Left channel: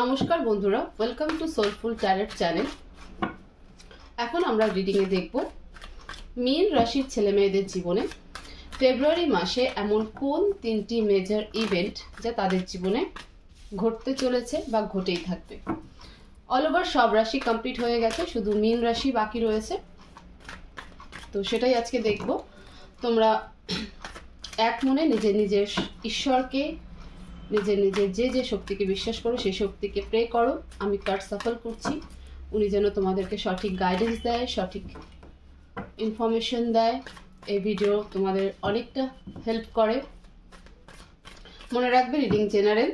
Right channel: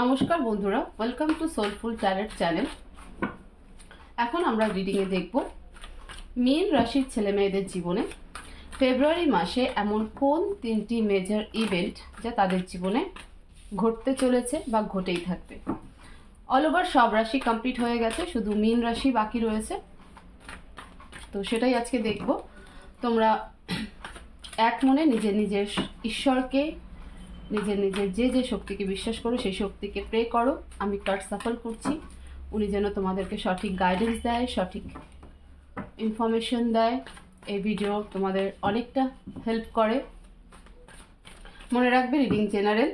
নমস্কার বন্ধুরা, welcome to soulful tarot channel. এখন আমরা রিডিংয়ে দেখব মীন রাশির ছেলে মেয়েদের জীবনে ফেব্রুয়ারি মাসে এমন কোন তিনটি মেজর ইভেন্ট যা তাদের জীবনে ঘটতে চলেছে বা ঘটেই থাকবে। অল ওভার সব রাশি কমপ্লিট হয়ে গেছে, শুধু মীন রাশি বাকি রয়েছে। তো সেটাই আজকে দেখব। তোমরা এক মনে নিজের নিজের ঈশ্বরকে, নিজের নিজের যে যে শক্তিকে বিশ্বাস করো সেই শক্তিকে প্রে করো। আমি কার্ড সাফল করছি, উনি যেন তোমাদেরকে সঠিক গাইডেন্স দেয়, সঠিক ইনফরমেশন দেয়। এই ভিডিও তোমাদের অনেকটা হেল্প করে। মনে রাখবে রিডিং জেনারেল,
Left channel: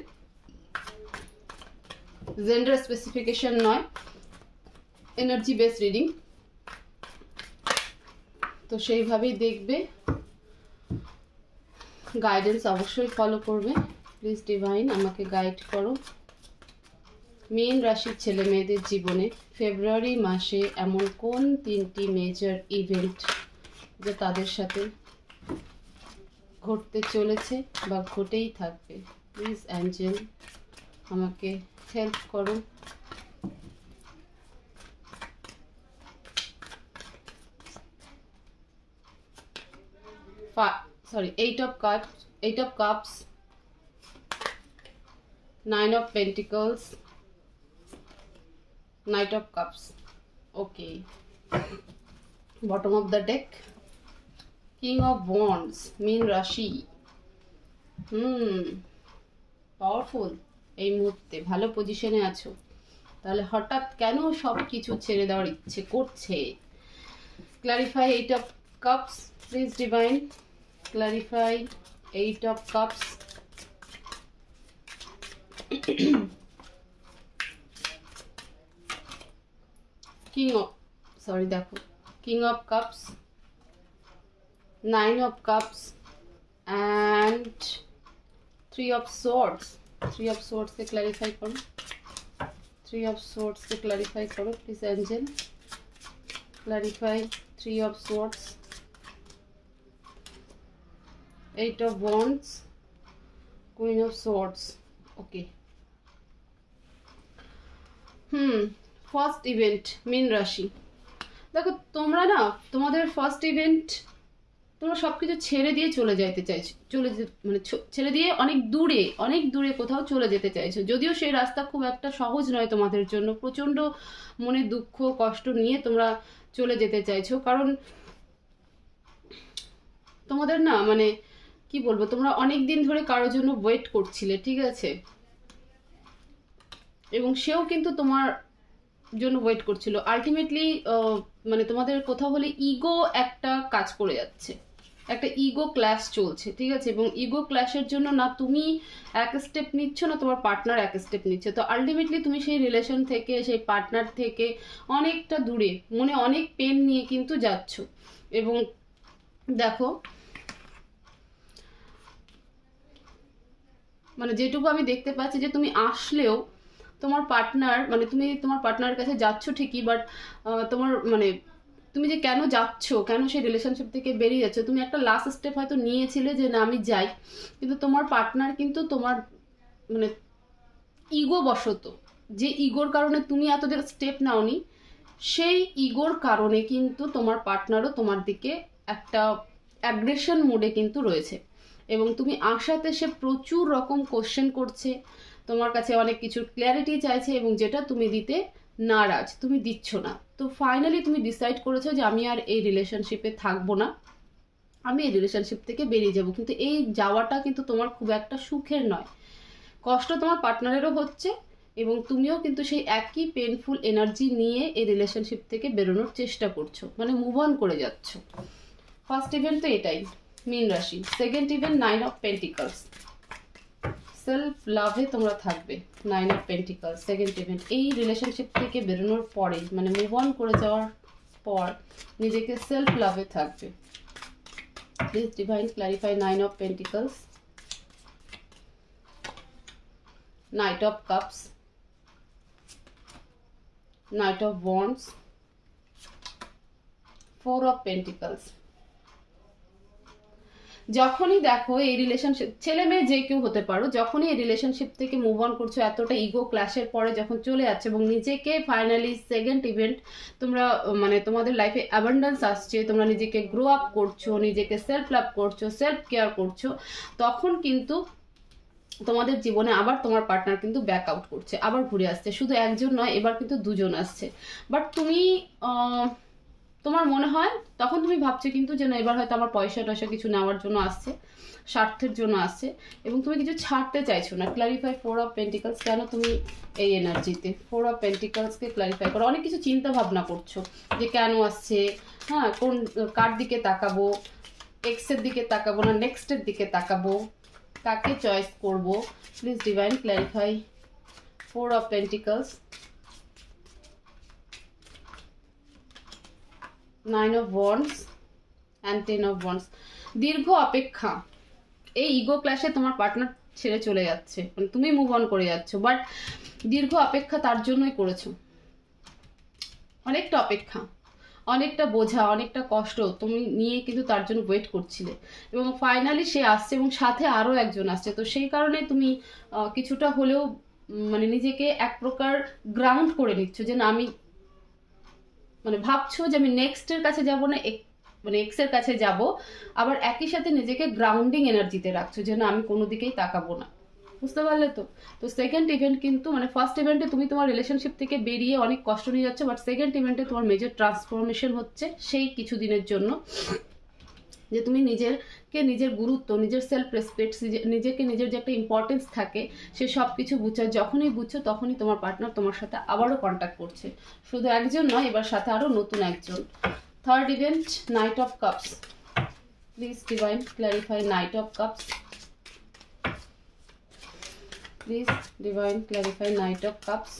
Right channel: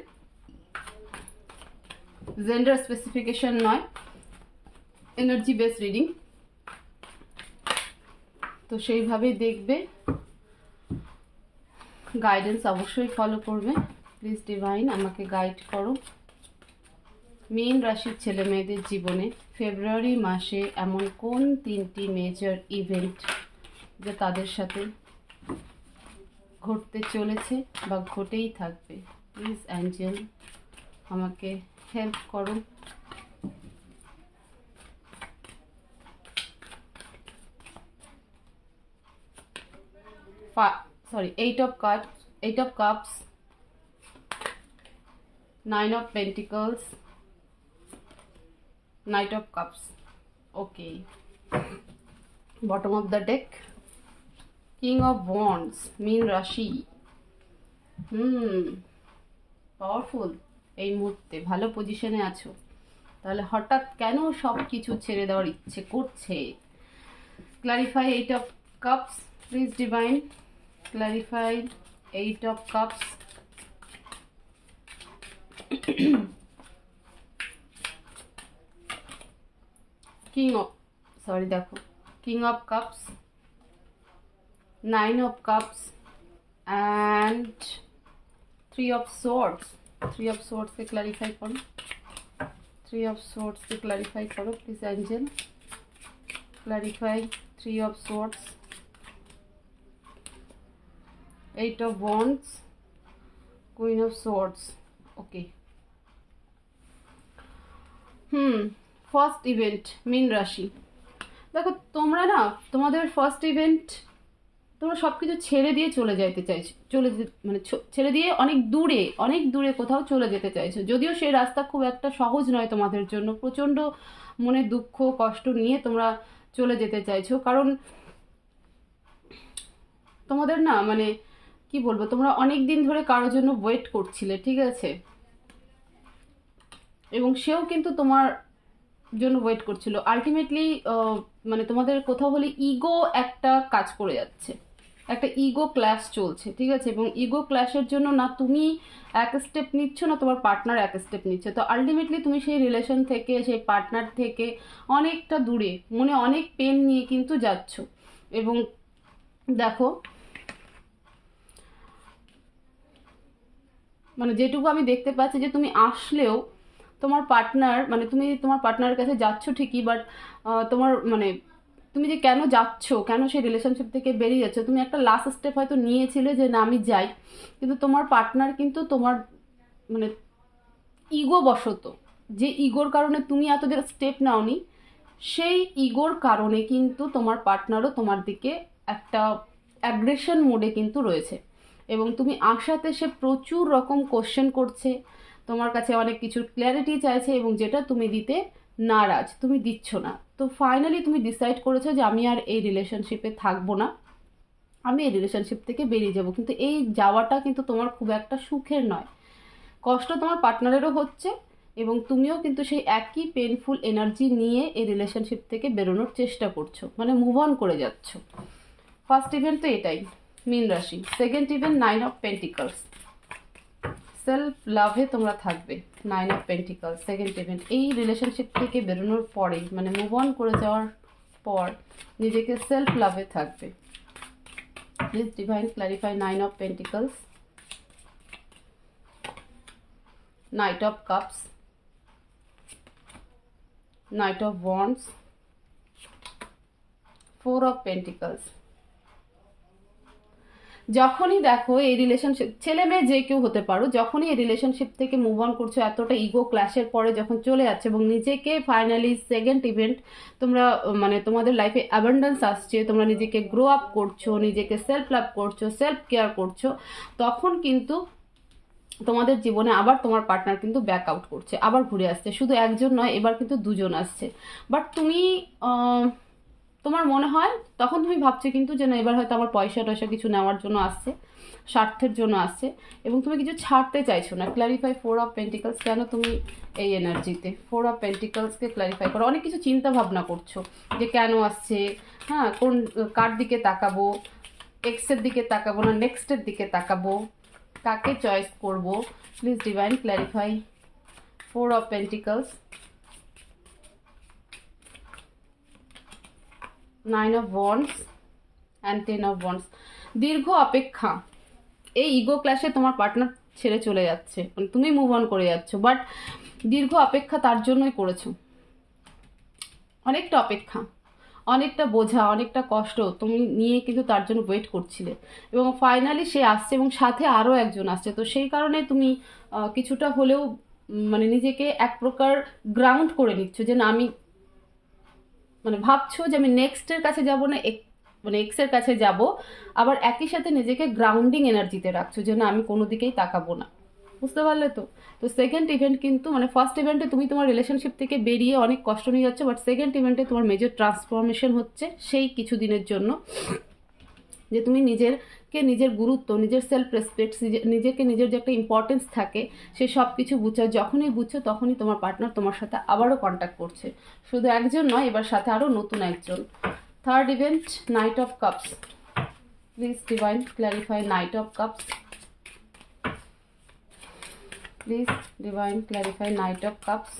জেন্ডার স্পেসিফিকেশন নয়, এনার্জি বেস রিডিং। তো সেইভাবেই দেখবে, গাইডেন্স অবশ্যই ফলো করবে। প্লিজ ডিভাইন আমাকে গাইড করো। মীন রাশির ছেলে মেয়েদের জীবনে ফেব্রুয়ারি মাসে এমন কোন তিনটি মেজর ইভেন্ট যা তাদের সাথে ঘটতে চলেছে বা ঘটেই থাকবে। প্লিজ অ্যাঞ্জেল আমাকে হেল্প করো। Eight of Cups, Nine of Pentacles, Knight of Cups. Okay. Bottom of the deck, King of Wands, Meen Rashi. Powerful. এই মুহূর্তে ভালো পজিশনে আছো, তাহলে হঠাৎ কেন সব কিছু ছেড়ে দেওয়ার ইচ্ছে করছে? Clarify eight of cups, please divine clarify eight of cups. King of Cups, Nine of Cups and Three of Swords. Three of Swords के clarify करो, Three of Swords के clarify करो please angel, clarify Three of Swords, Eight of Wands, Queen of Swords. Okay. First event মীন রাশি। দেখো তোমরা না, তোমাদের ফার্স্ট ইভেন্ট তোমরা সব কিছু ছেড়ে দিয়ে চলে যাইতে চাইছো, ছেড়ে দিয়ে অনেক দূরে কোথাও চলে যেতে চাইছো। যদিও সেই রাস্তা খুব একটা সহজ নয় তোমাদের জন্য, প্রচণ্ড মনে দুঃখ কষ্ট নিয়ে তোমরা চলে যেতে চাইছো। কারণ তোমাদের না কি বলবো, তোমরা অনেক দিন ধরে কারোর জন্য ওয়েট করছিলে, ঠিক আছে? এবং সেও কিন্তু তোমার জন্য ওয়েট করছিল। আলটিমেটলি তোমাদের কোথাও হলে ইগো একটা কাজ করে যাচ্ছে, একটা ইগো ক্ল্যাশ চলছে, ঠিক আছে? এবং ইগো ক্ল্যাশের জন্য না তুমি এক স্টেপ নিচ্ছ, না তোমার পার্টনার এক স্টেপ নিচ্ছে। তো আলটিমেটলি তুমি সেই রিলেশন থেকে, সেই পার্টনার থেকে অনেকটা দূরে, মনে অনেক পেন নিয়ে কিন্তু যাচ্ছ। এবং দেখো যেটুকু আমি দেখতে পাচ্ছি যে তুমি আসলেও তোমার পার্টনার, তুমি তোমার পার্টনারের কাছে যাচ্ছ ঠিকই, বাট তোমার তুমি যে কেন যাচ্ছ, কেন সেই রিলেশনশিপ থেকে বেরিয়ে যাচ্ছ, তুমি একটা লাস্ট স্টেপ হয়তো নিয়েছিলে যে না আমি যাই, কিন্তু তোমার পার্টনার কিন্তু তোমার ইগো বশত, যে ইগোর কারণে তুমি এতদিন স্টেপ নাওনি, সেই ইগোর কারণে কিন্তু তোমার পার্টনারও তোমার দিকে একটা অ্যাগ্রেশন মোডে কিন্তু রয়েছে। এবং তুমি আসাতে সে প্রচুর রকম কোশ্চেন করছে, তোমার কাছে অনেক কিছুর ক্ল্যারিটি চাইছে, এবং যেটা তুমি দিতে নারাজ, তুমি দিচ্ছ না। তো ফাইনালি তুমি ডিসাইড করেছো যে আমি আর এই রিলেশনশিপে থাকবো না, আমি এই রিলেশনশিপ থেকে বেরিয়ে যাব। কিন্তু এই যাওয়াটা কিন্তু তোমার খুব একটা সুখের নয়, কষ্ট তোমার পার্টনারেরও হচ্ছে, এবং তুমিও কিন্তু সেই একই পেনফুল এনার্জি নিয়ে এই রিলেশনশিপ থেকে বেরোনোর চেষ্টা করছো, মুভ অন করে যাচ্ছ। ফার্স্ট ইভেন্ট তো এটাই মীন রাশি। Second event nine of pentacles, self লাভে তোমরা থাকবে। Nine of pentacles second event, এই রিলেশনশিপ থেকে বেরোনোর পরেই মুভ অন করে যাওয়ার পর নিজেকে সেলফ লাভে থাকবে। Please divine clarify nine of pentacles, night of cups, night of wands, four of pentacles. যখনই দেখো এই রিলেশনশিপ, ছেলে মেয়ে যে কেউ হতে পারো, যখনই এই রিলেশনশিপ থেকে মুভ অন করছো, এতটা ইগো ক্ল্যাশের পরে যখন চলে যাচ্ছে এবং নিজেকে ফাইনালি সেকেন্ড ইভেন্ট তোমরা মানে তোমাদের লাইফে অ্যাবান্ডেন্স আসছে, তোমরা নিজেকে গ্রো আপ করছো, নিজেকে সেলফ লাভ করছো, সেলফ কেয়ার করছো, তখন কিন্তু তোমাদের জীবনে আবার তোমার পার্টনার কিন্তু ব্যাক আউট করছে, আবার ঘুরে আসছে। শুধু একজন নয়, এবার কিন্তু দুজন আসছে। বাট তুমি তোমার মনে হয় তখন তুমি ভাবছো কিন্তু যেন এবার হয়তো আমার পয়সা টয়সা কিছু নেওয়ার জন্য আসছে, স্বার্থের জন্য আসছে, এবং তুমি কিছু ছাড়তে চাইছো না। Clarify 4 of pentacles. কেন তুমি এই এনার্জিতে 4 অফ পেন্টিকলসকে ক্লারিফাই করো? অনেক কিছু চিন্তা ভাবনা করছো যে কেন আসছে, হ্যাঁ, কোন কার দিকে তাকাবো, এক্সের দিকে তাকাবো না নেক্সটের দিকে তাকাবো, কাকে চয়েস করব। Please divine clarify 4 of pentacles, 9 of wands and 10 of wands. দীর্ঘ অপেক্ষা, এই ইগো ক্ল্যাশে তোমার পার্টনার ছেড়ে চলে যাচ্ছে, মানে তুমি মুভ অন করে যাচ্ছ, বাট দীর্ঘ অপেক্ষা তার জন্যই করেছো। অনেকটা অপেক্ষা, অনেকটা বোঝা, অনেকটা কষ্ট তুমি নিয়ে কিন্তু তার জন্য ওয়েট করছিলে, এবং ফাইনালি সে আসছে এবং সাথে আরও একজন আসছে। তো সেই কারণে তুমি কিছুটা হলেও মানে নিজেকে এক প্রকার গ্রাউন্ড করে নিচ্ছ, যে না আমি মানে ভাবছো যে আমি নেক্সটের কাছে যাব না, মানে এক্সের কাছে যাব, আবার একই সাথে নিজেকে গ্রাউন্ডিং এনার্জিতে রাখছো যে না আমি কোনো দিকেই তাকাবো না। বুঝতে পারলে তো? তো সেকেন্ড ইভেন্ট কিন্তু মানে ফার্স্ট ইভেন্টে তুমি তোমার রিলেশনশিপ থেকে বেরিয়ে অনেক কষ্ট নিয়ে যাচ্ছ, বাট সেকেন্ড ইভেন্টে তোমার মেজর ট্রান্সফরমেশন হচ্ছে সেই কিছু দিনের জন্য, যে তুমি নিজের গুরুত্ব, নিজের সেলফ রেসপেক্ট, নিজেকে নিজের যে একটা ইম্পর্টেন্স থাকে সে সব কিছু বুঝছো। যখনই বুঝছো তখনই তোমার পার্টনার তোমার সাথে আবারও কন্ট্যাক্ট করছে। শুধু একজন নয়, এবার সাথে আরও নতুন একজন। Third event, night of cups. Please divine clarify night of cups. Please divine clarify night of cups.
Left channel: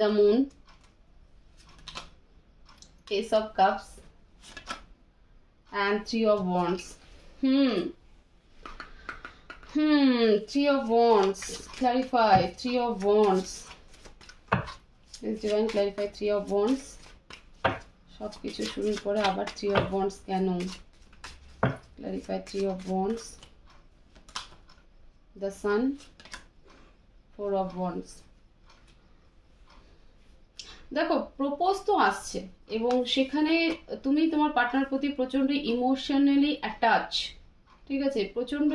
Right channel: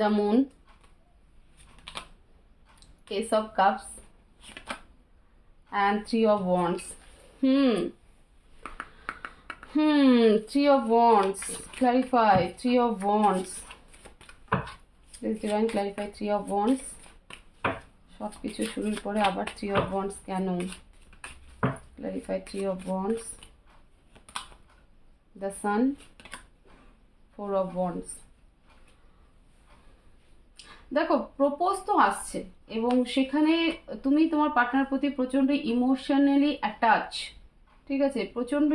The moon, ace of cups and 3 of wands. 3 of wands. Clarify 3 of wands. Please divine clarify 3 of wands. সব কিছু শুরুর পরে আবার 3 of wands কেন? Clarify 3 of wands. The sun, 4 of wands. দেখো propose তো আসছে এবং সেখানে তুমি তোমার পার্টনার প্রতি প্রচন্ড ইমোশনালি অ্যাটাচ, ঠিক আছে, প্রচন্ড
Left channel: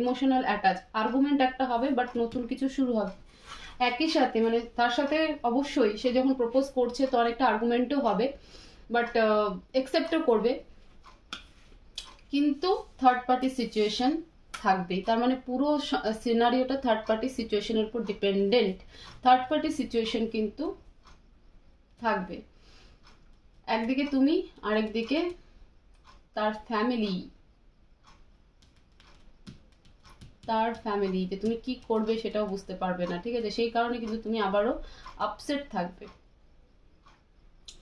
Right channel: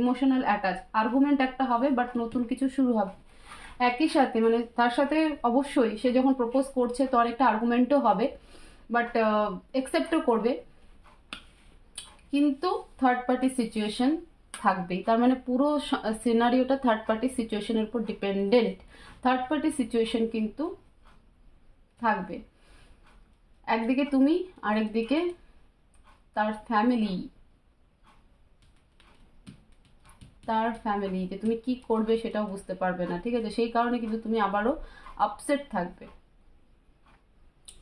ইমোশনাল অ্যাটাচ। আর্গুমেন্ট একটা হবে, বাট নতুন কিছু শুরু হবে একই সাথে, মানে তার সাথে অবশ্যই সে যখন প্রপোজ করছে তো অনেকটা আর্গুমেন্টও হবে, বাট অ্যাকসেপ্টও করবে, কিন্তু থার্ড পার্টি সিচুয়েশন থাকবেই। তার মানে পুরো সিনারিওটা থার্ড পার্টি সিচুয়েশনের উপর ডিপেন্ডেন্ট। থার্ড পার্টি সিচুয়েশন কিন্তু থাকবে, একদিকে তুমি আরেকদিকে তার ফ্যামিলি, যে তুমি কি করবে সেটাও বুঝতে পারবে না, ঠিক আছে। সেই কারণে কিন্তু তুমি আবারও আপসেট থাকবে।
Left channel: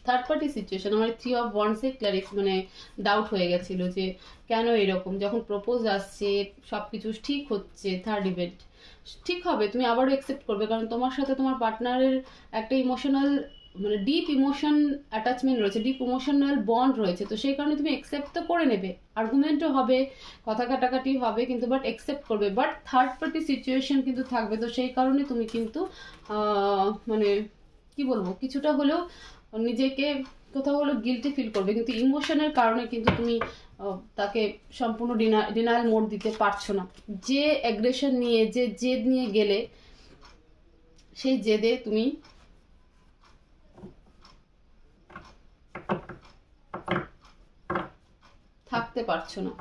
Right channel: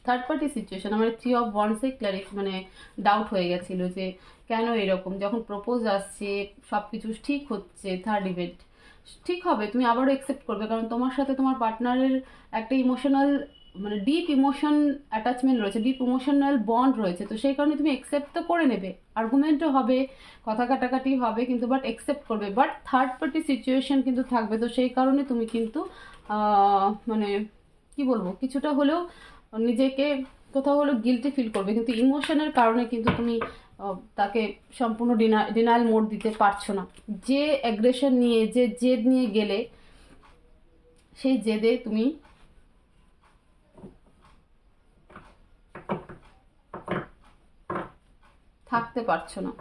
থার্ড পার্টি সিচুয়েশন আমার 3 অফ ওয়ান্ডসে মানে ডাউট হয়ে গেছিল যে কেন এরকম, যখন প্রপোজ আসছে সব কিছু ঠিক হচ্ছে, থার্ড ইভেন্ট ঠিক হবে, তুমি আবারও অ্যাকসেপ্ট করবে, কারণ তোমার সাথে তোমার পার্টনারের একটা ইমোশনাল মানে ডিপ ইমোশন অ্যাটাচমেন্ট রয়েছে, ডিপ ইমোশনাল বন্ড রয়েছে। তো সেই কারণে তুমি অ্যাকসেপ্ট তো করে নেবে, আর্গুমেন্টও হবে, কথা কাটাকাটি হবে, কিন্তু বাট অ্যাকসেপ্ট করবে। বাট থার্ড পার্টি সিচুয়েশন কিন্তু থাকবে। তো সেই কারণে তুমি কিন্তু মানে কি বলবো, কিছুটা হলেও নিজেকে কোথাও হলেও গিল্টি ফিল করবে, কিন্তু ইমোশনের কারণে কিন্তু তুমি তাকে সম্পূর্ণ ডিনায়াল মোড দিতে পারছো না। যে অ্যাগ্রেশন নিয়ে, যে জেদ নিয়ে গেলে, সেই জেদে তুমি থাকতে পারছো না,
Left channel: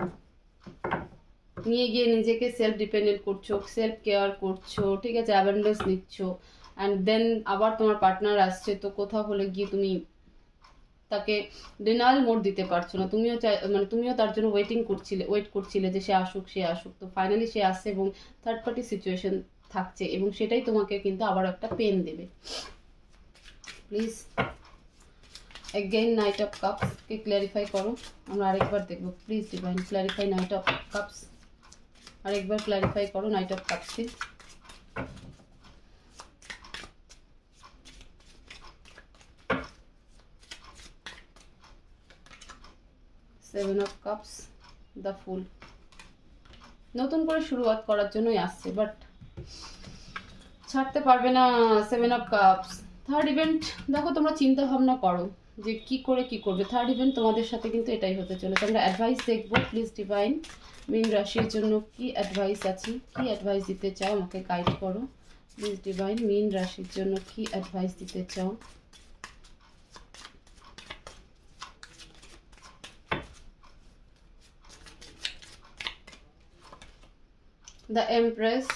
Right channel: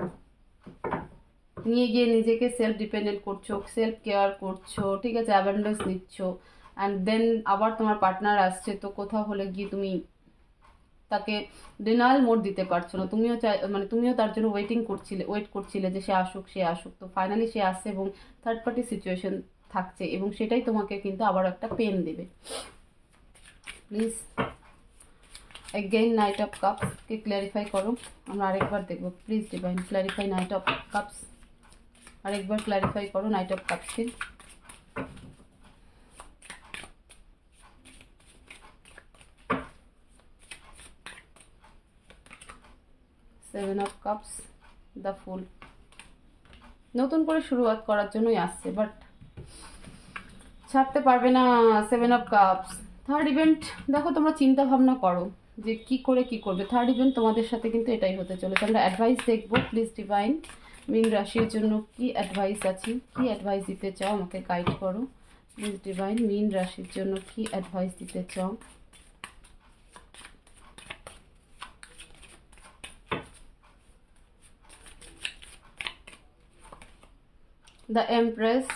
নিয়ে গিয়ে নিজেকে সেলফ ডিপেন্ডেন্ট করছো, সেলফ কেয়ার করছো, ঠিক আছে, অ্যাবান্ডেন্স নিচ্ছ, অ্যান্ড দেন আবার তোমার পার্টনার আসছে, তো কোথাও হলে গিয়ে তুমি তাকে ডিনায়াল মোড দিতে পারছো না। তুমিও তার জন্য ওয়েট করছিলে যে সে আসুক। তো ফাইনালি সে আসছে এবং থার্ড পার্টি সিচুয়েশন থাকছে, এবং সেটাই তোমাকে কিন্তু আবার একটা পেন দেবে। Please again knight of cups के क्लैरिफाई करो, हम आरेकबार देखबो। Please divine clarify knight of cups, आरेकबार क्लैरिफाई करो नाइट ऑफ कप्स के। 7 অফ কাপস, দ্য ফুল। নতুন করে শুরুয়াত করার জন্যই আসছে, বাট ছাড়তে পারবে না। 7 অফ কাপস। থার্ড ইভেন্ট দেখো, তোমরা চিন্তা ভাবনা করো যে কি করবে। থার্ড ইভেন্ট তোমাদের সাথে কিন্তু এটাই হতে চলেছে। আমরা অ্যাডভাইস দেখবো। প্লিজ ডিভাইন, মীন রাশির জন্য কি অ্যাডভাইস আছে, কি অ্যাডভাইস দিতে চাও, আমাকে গাইড করো। প্লিজ ডিভাইন, মীন রাশির জন্য কি অ্যাডভাইস দিতে চাও। The Empress,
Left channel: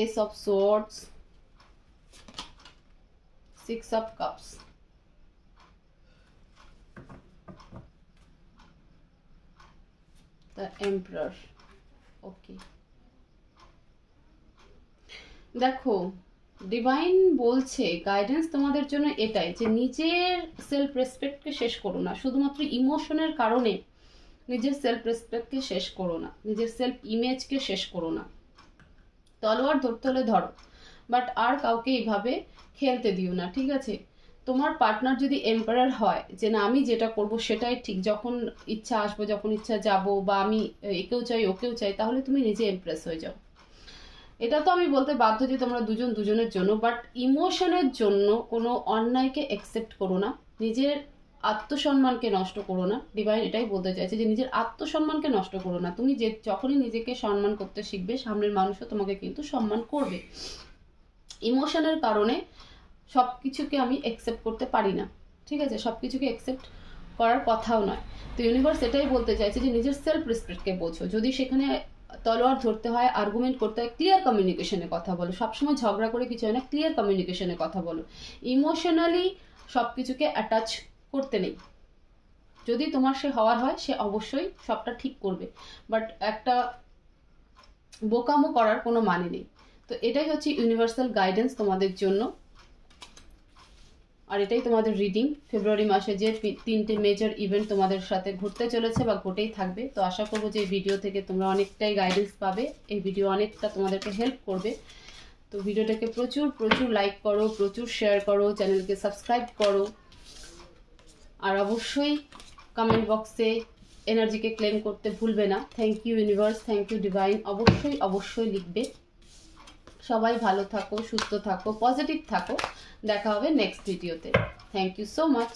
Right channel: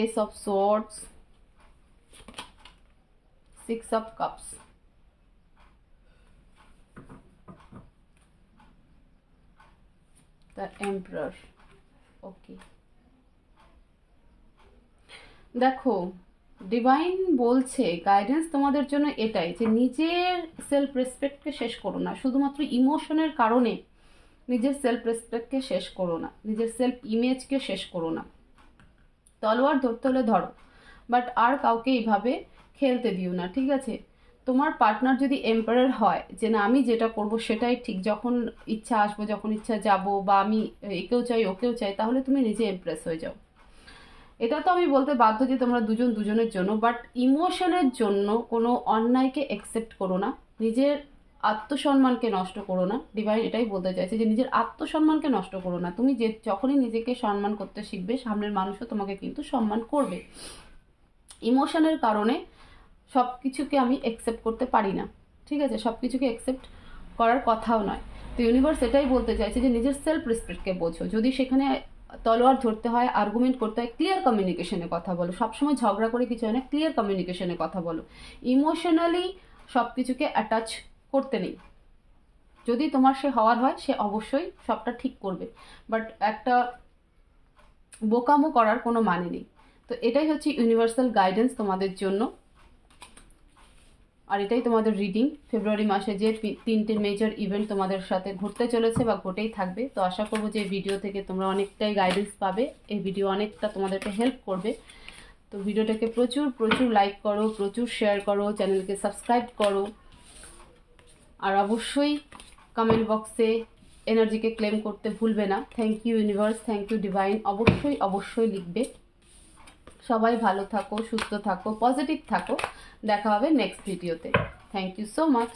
Ace of Swords, 6 of Cups, the Emperor. Okay, দেখো ডিভাইন বলছে গাইডেন্স তোমাদের জন্য এটাই, যে নিজের সেলফ রেসপেক্টকে শেষ করো না। শুধুমাত্র ইমোশনের কারণে নিজের সেলফ রেসপেক্টকে শেষ করো না, নিজের সেলফ ইমেজকে শেষ করো না। তলোয়ার ধরতে হলে ধরো, বাট আর কাউকে এইভাবে খেলতে দিও না, ঠিক আছে? তোমার পার্টনার যদি এম্পায়ার হয়, যে না আমি যেটা করব সেটাই ঠিক, যখন ইচ্ছা আসবো যখন ইচ্ছা যাব, বা আমি একেও চাই ওকেও চাই, তাহলে তুমি নিজে ইমপ্রেস হয়ে যাও। এটা তো আমি বলতে বাধ্য যে তোমরা দুজন দুজনের জন্য, বাট ইমোশনের জন্য কোনো অন্যায়কে অ্যাকসেপ্ট করো না, নিজের আত্মসম্মানকে নষ্ট করো না। ডিভাইন এটাই বলতে চাইছে যে নিজের আত্মসম্মানকে নষ্ট করো না। তুমি যে যখনই নিজেকে সম্মান করতে শিখবে, সামনের মানুষও তোমাকে কিন্তু সম্মান করবে। ইমোশনের কারণে সব কিছুকে আমি অ্যাকসেপ্ট করতে পারি না, ঠিক আছে? সব কিছুকে অ্যাকসেপ্ট করার কথাও নয়। তো ইউনিভার্স এটাই বলতে চাইছে যে নিজের সেলফ রেসপেক্টকে বোঝো। যদি সেখানে তলোয়ার ধরতে হয়, আর্গুমেন্ট করতে হয়, ক্লিয়ার কমিউনিকেশনে কথা বলো। সবসময় ঝগড়া করে কিছু হয় না, ক্লিয়ার কমিউনিকেশনে কথা বলো। ইমোশনালি সব কিছুকে অ্যাটাচ করতে নেই। যদি তোমার সে হওয়ার হয়, সে অবশ্যই সবটা ঠিক করবে, বাট একটা বোকামো করার কোনো মানে নেই। তো এটাই হচ্ছে ইউনিভার্সাল গাইডেন্স তোমাদের জন্য, আর এটাই তোমাদের রিডিং। ফেব্রুয়ারি মাসে যে 3টে মেজর ইভেন্ট তোমাদের সাথে ঘটতে চলেছে বা ঘটেই থাকবে, তো আশা করবো যে এই ভিডিও থেকে তোমরা অনেকটাই গাইডেন্স পাবে। এই ভিডিও অনেকটা তোমাদেরকে হেল্প করবে। তো ভিডিওটাকে প্রচুর প্রচুর লাইক করো, প্রচুর শেয়ার করো, চ্যানেলকে সাবস্ক্রাইব করো, আর অবশ্যই কমেন্ট বক্সে এনার্জিকে ক্লেম করতে ভুলবে না। Thank you universe, thank you divine, অবশ্যই অবশ্যই লিখবে। সবাই ভালো থাকো, সুস্থ থাকো, পজিটিভ থাকো। দেখা হবে নেক্সট ভিডিওতে। Thank you so much.